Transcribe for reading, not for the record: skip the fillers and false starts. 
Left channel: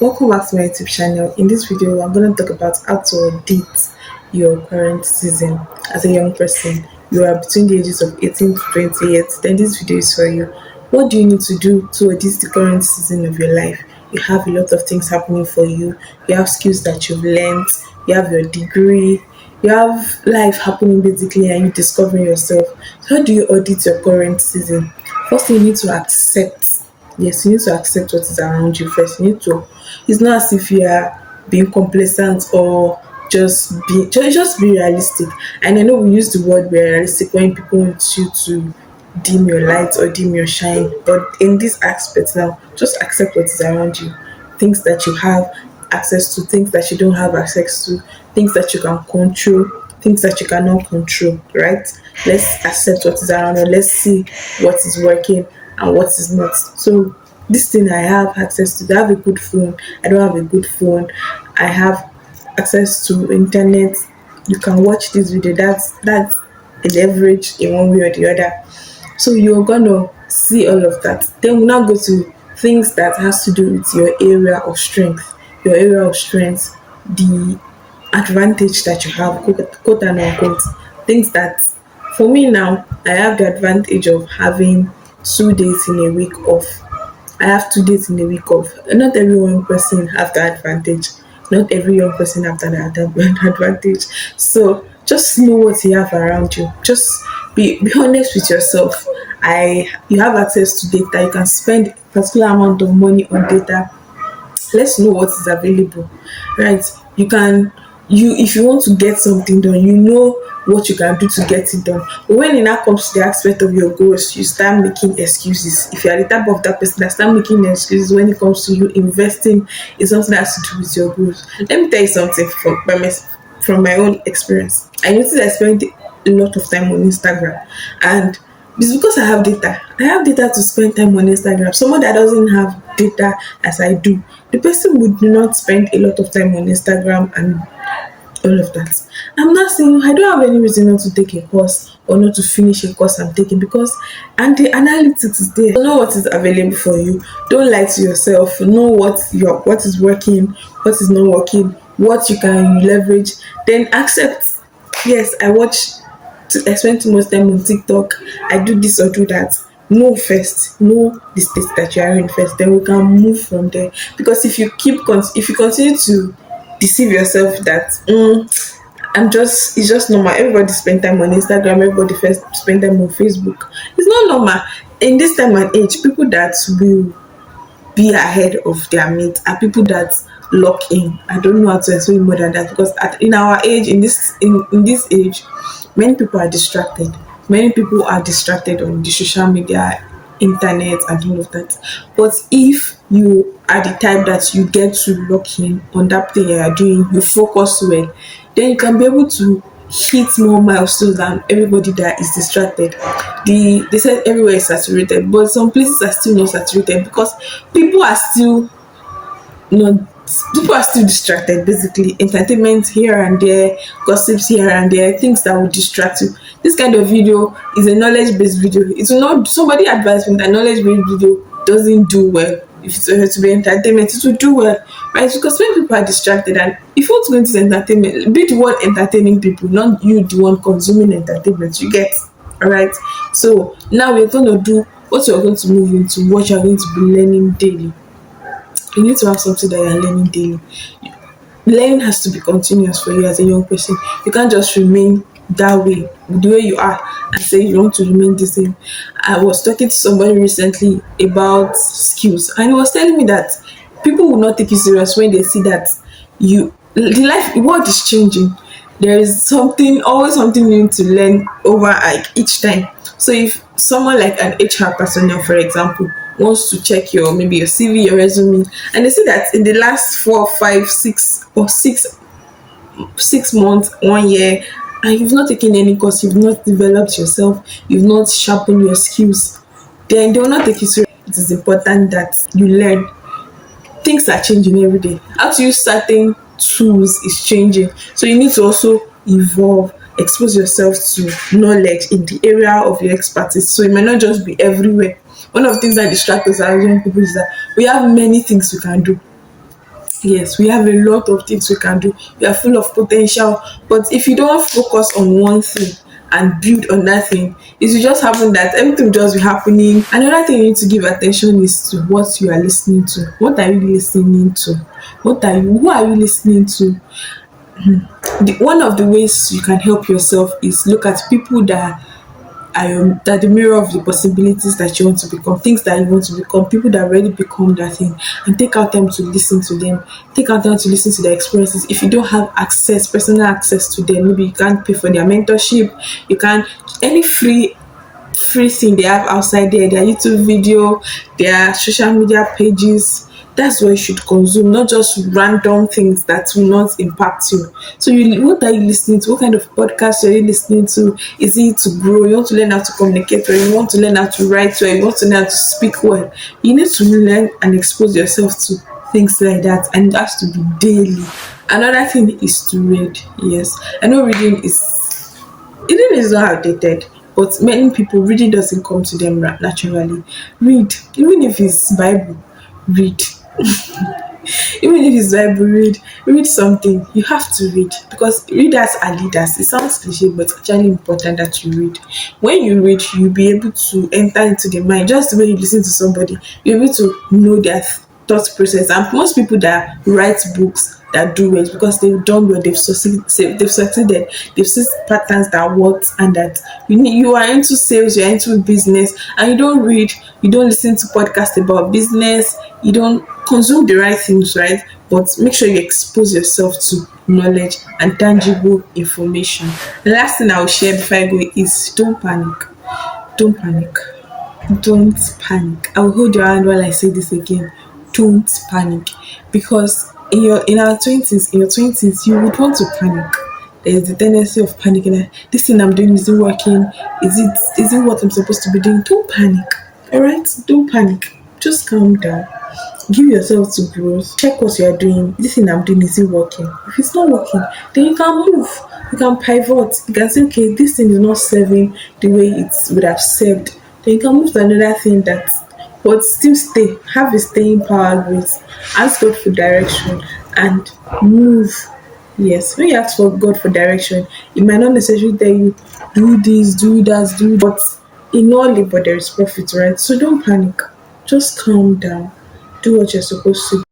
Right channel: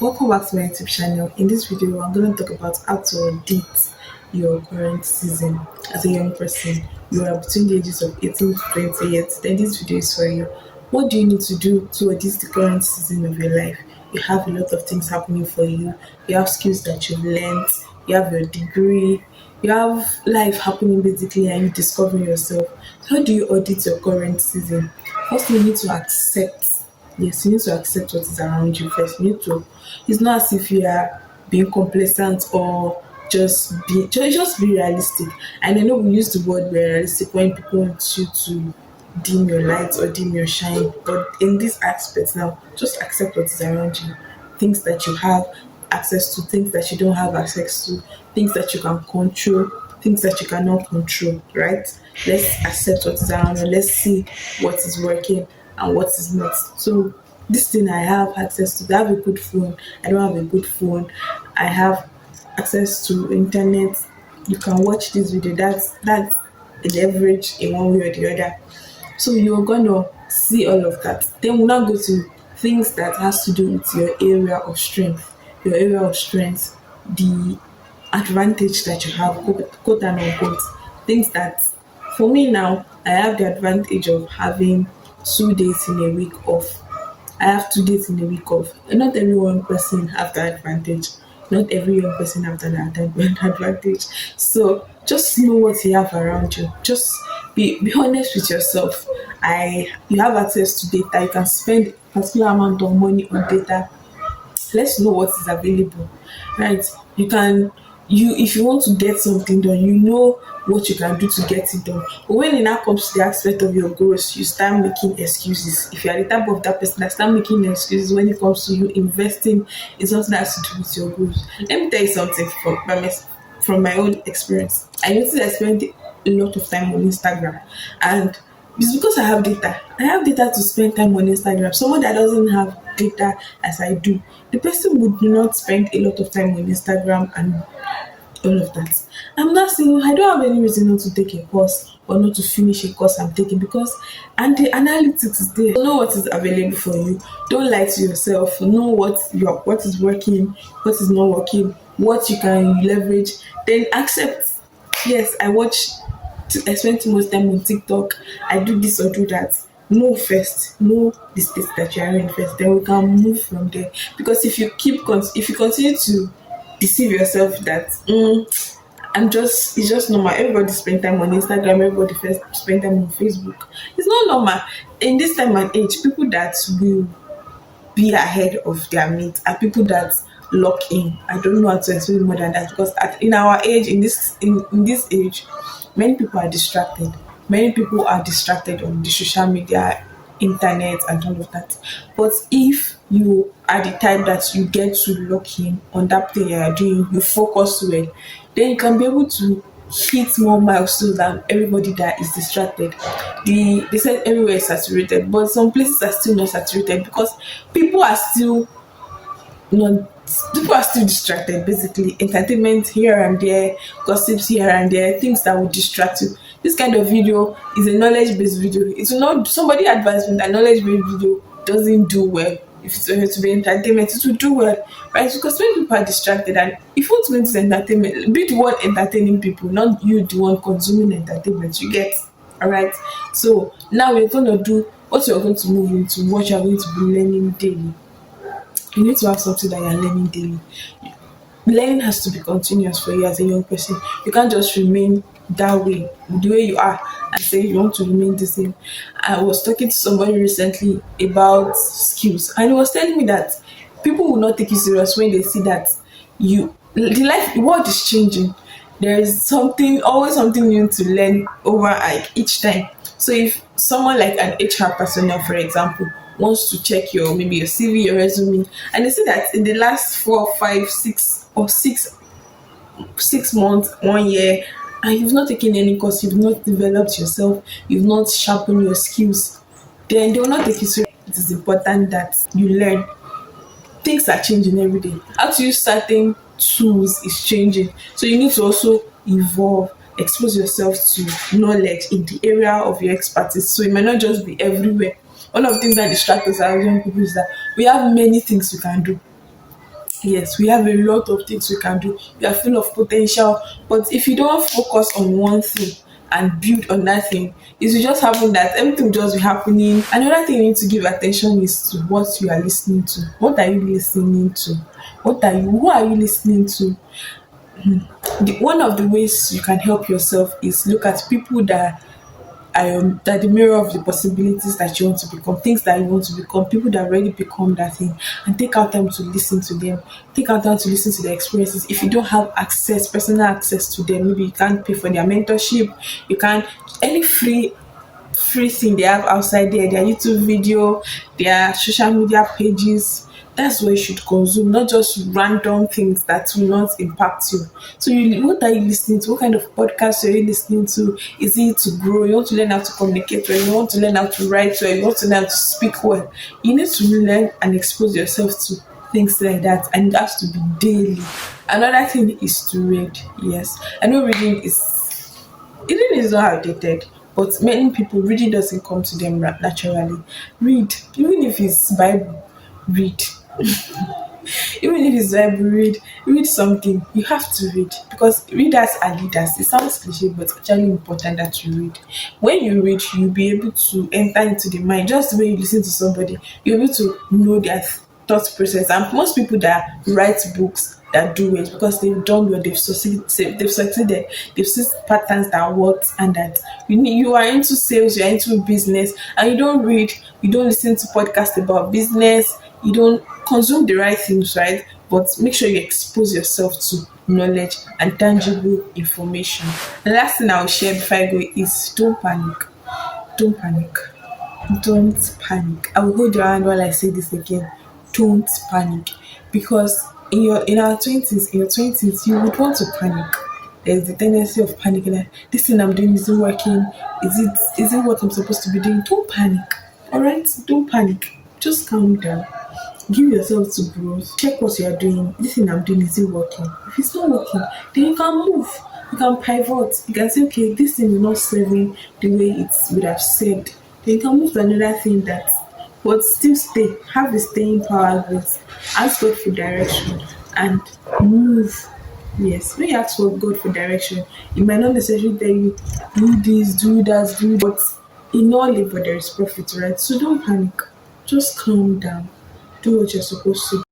Welcome back to my YouTube channel. In this video, I'm going to talk about how to audit your current season as a young person. You are between the ages of 18 to 20 years. Then this video is for you. What do you need to do to audit the current season of your life? You have a lot of things happening for you. You have skills that you've learned. You have your degree. You have life happening basically, and you discovering yourself. So how do you audit your current season? First, you need to accept. Yes, you need to accept what is around you first. You need to. It's not as if you are being complacent or just be realistic. And I know we use the word be realistic when people want you to dim your light or dim your shine. But in this aspect now, just accept what is around you. Things that you have access to, things that you don't have access to, things that you can control, things that you cannot control, right? Let's accept what is around you. Let's see what is working and what is not. So this thing I have access to. I have a good phone. I don't have a good phone. I have access to internet. You can watch this video. That's a leverage in one way or the other. So you're gonna see all of that. Then we'll now go to things that has to do with your area of strength. Your area of strength, the advantage that you have, quote and unquote. Things that for me now, I have the advantage of having 2 days in a week off. I have 2 days in a week off. Not every young person have that advantage. Not every young person have that advantage. So just know what you have around you. Just be honest with yourself. You have access to data. You can spend a particular amount of money on data. Let's know what is available, right? You if you want to get something done, you know what you can do to get it done. But when it now comes to the aspect of your goals, you start making excuses. If you are the type of that person that start making excuses when it comes to you investing in something that has to do with your goals. Let me tell you something from my own experience. I noticed I spent a lot of time on Instagram, and it's because I have data. I have data to spend time on Instagram. Someone that doesn't have data as I do, the person would not spend a lot of time on Instagram and all of that. I'm not saying I don't have any reason not to take a course or not to finish a course I'm taking, because and the analytics is there. Know what is available for you. Don't lie to yourself. Know what is working, what is not working, what you can leverage. Then accept. Yes, I spend too much time on TikTok. I do this or do that. Know first. Know the state that you are in first. Then we can move from there. Because if you continue to deceive yourself that it's just normal. Everybody spend time on Instagram. Everybody first spend time on Facebook. It's not normal. In this time and age, people that will be ahead of their mate are people that lock in. I don't know how to explain more than that, because in our age, in this age, many people are distracted. Many people are distracted on the social media, internet, and all of that. But if you are the type that you get to lock in on that thing you are doing, you focus well, then you can be able to hit more milestones than everybody that is distracted. They said everywhere is saturated, but some places are still not saturated because people are still not people are still distracted. Basically, entertainment here and there, gossips here and there, things that will distract you. This kind of video is a knowledge-based video. It will not somebody advised me that knowledge-based video doesn't do well. If it's were to be entertainment, it will do well, right? Because when people are distracted, and if you want to go into entertainment, be the one entertaining people, not you the one consuming entertainment. You get, all right? So now we're going to do what you're going to move into, what you're going to be learning daily. You need to have something that you're learning daily. Learning has to be continuous for you as a young person. You can't just remain that way, the way you are, and say you want to remain the same. I was talking to somebody recently about skills, and he was telling me that people will not take you serious when they see that the world is changing. There is always something new to learn over like each time. So if someone like an HR personnel, for example, wants to check maybe your CV, your resume, and they see that in the last 6 months, 1 year, and you've not taken any course, you've not developed yourself, you've not sharpened your skills, then they will not take you serious. It is important that you learn. Things are changing every day. How to use certain tools is changing. So you need to also evolve, expose yourself to knowledge in the area of your expertise. So it might not just be everywhere. One of the things that distract us as young people is that we have many things we can do. Yes, we have a lot of things we can do. We are full of potential. But if you don't focus on one thing and build on that thing, it will just happen that everything will just be happening. Another thing you need to give attention is to what you are listening to. What are you listening to? Who are you listening to? One of the ways you can help yourself is look at people that the mirror of the possibilities that you want to become, things that you want to become, people that already become that thing, and take out time to listen to them. Take out time to listen to their experiences. If you don't have personal access to them, maybe you can't pay for their mentorship, you can't any free thing they have outside there, their YouTube video, their social media pages. That's what you should consume, not just random things that will not impact you. So, what are you listening to? What kind of podcast are you listening to? Is it to grow? You want to learn how to communicate, or you want to learn how to write, or you want to learn how to speak well? You need to learn and expose yourself to things like that, and it has to be daily. Another thing is to read. Yes, I know reading is not outdated, but many people reading doesn't come to them naturally. Read, even if it's Bible, read. Even if it's Bible, read something. You have to read because readers are leaders. It sounds cliche, but it's actually important that you read. When you read, you'll be able to enter into the mind. Just the way you listen to somebody, you're able to know their thought process. And most people that write books that do it because they've done well, they've succeeded, they've seen patterns that work, and that you are into sales, you are into business, and you don't read, you don't listen to podcasts about business, you don't consume the right things, right? But make sure you expose yourself to knowledge and tangible information. The last thing I will share before I go is don't panic. Don't panic. Don't panic. I will hold your hand while I say this again. Don't panic. Because in your twenties, you would want to panic. There's the tendency of panicking that this thing I'm doing isn't working. Is it what I'm supposed to be doing? Don't panic. Alright? Don't panic. Just calm down. Give yourself to growth. Check what you are doing. This thing I'm doing, is it working? If it's not working, then you can move. You can pivot. You can say, okay, this thing is not serving the way it would have served. Then you can move to another thing that, but still stay. Have a staying power with. Ask God for direction and move. Yes, when you ask for God for direction, it might not necessarily tell you do this, do that, do, but in all labor there is profit, right? So don't panic. Just calm down. Do what you're supposed to